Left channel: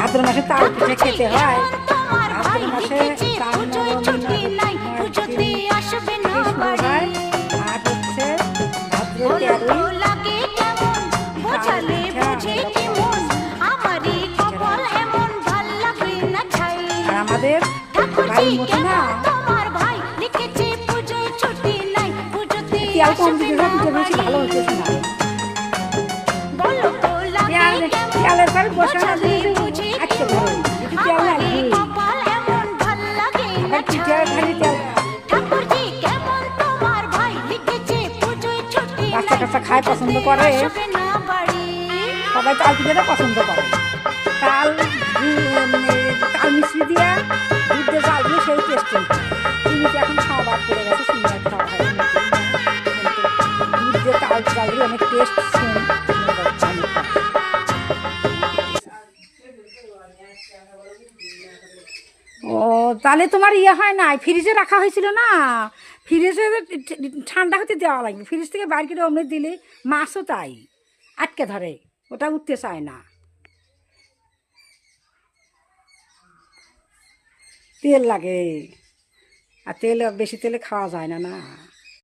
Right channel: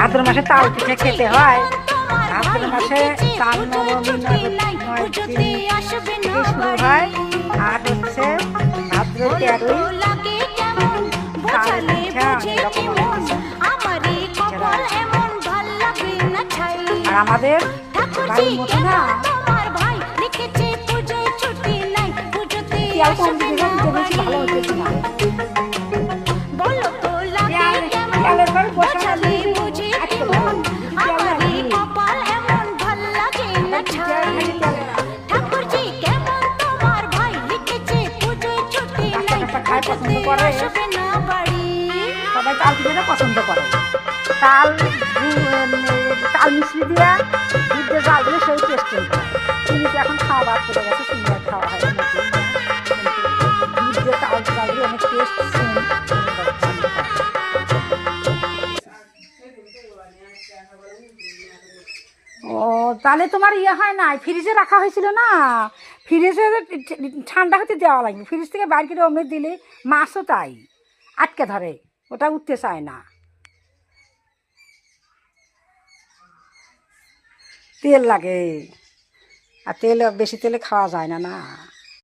ভাদ্র মাসে তাল পিঠে খেতে হয়। ভাদ্র মাসে তাল হয়। আর হচ্ছে ভাদ্র 13ই তাল পিঠা আর আমাদের বাড়ির মতো না পিয়াল কম দিকে পিঠে বেশি ভালো হইতেছে না। পিয়ালের পর বসে খায় পছন্দ করে, সবাই তাল পিঠাটা পছন্দ করে। তাল তাল মিশ্রি দিয়া দুধ দিয়ে জাল দিয়ে সেই টেস্ট চিনিতে এখন খাওয়া বাদ পড়ে গেছে, চিনি আর খাওয়া হয় না। দুধ দিয়ে তাল জাল দিয়ে অনেক টেস্ট। ও তাহলে তোমার ইয়ে হয় না, ফ্রিজে রাখা হয়েছিল না, ফ্রিজে ঠান্ডা হতে দেওয়া লাগবে। ফ্রিজ থেকে বাইর করে অমনি দিলে মাছও তাই আটকে ধরে, ওটা উঠতে চায় না। তেল লাগে, আর তেল বেশি তেলে খাওয়া যায় না না।